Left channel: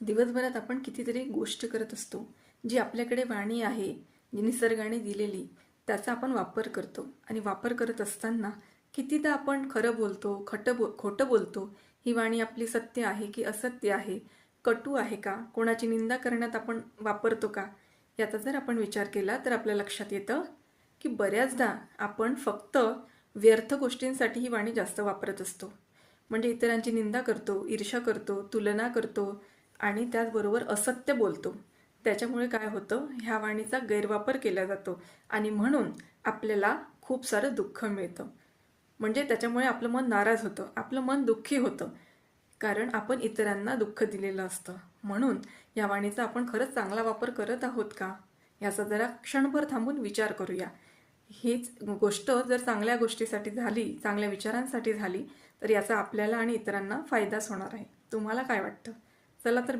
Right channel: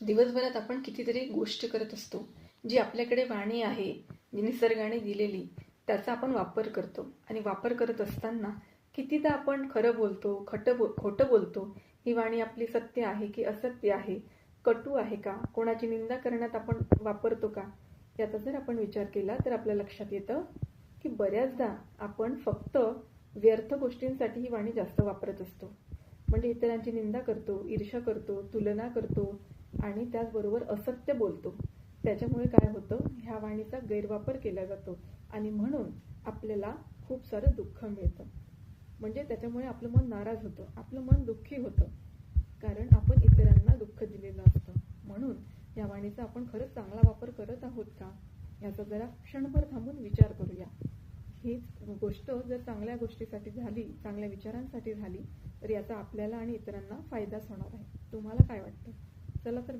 दिवसभरात आपण कितीतरी गोष्ट करत असतो. जी आपल्याकडे वाणी आहे, जी निसर्गाने दिलेली, त्याचा आपण वापर करतो. आणि वापर करत असताना कितीदा आपण खरं बोलतो, खोटं बोलतो. ही वाणी आपली सत्य आहे की असत्य आहे, कटू आहे का, कोणाची निंदा करण्यात आपण वापरतो का, याचा जर आपण विचार केला तर आपल्या लक्षात येतं की बऱ्याचदा आपण फक्त व्यर्थ गोष्टींसाठी ही वाणी जास्त वापरत असतो. म्हणजे इतरांची निंदा करतो, ईर्ष्या करतो, तुलना करतो आणि त्याचबरोबर असत्य बोलतो. त्याच्यामुळे काय होतं, ह्या वाणीचा गैरवापर केला जातो आणि म्हणून आपल्याला खूप सारं दुःख मिळतं. म्हणजे त्याच्यामुळे आपलं मन नाराज होतं, आपलं मन दुःखी होतं, कारण आपण इतरांना दुःख दिलेलं असतं. म्हणून या वाणीचा आपण खरंच चांगला वापर करत आहोत का, याचा जरा क्षणभर थांबून विचार करूया. हीच गोष्ट जर चांगल्या गोष्टीसाठी झाली, चांगल्या विचारांसाठी झाली, तर याचा आपल्याला आणि इतरांना फायदाच होणार आहे. तुम्हाला काय वाटतं? चला तर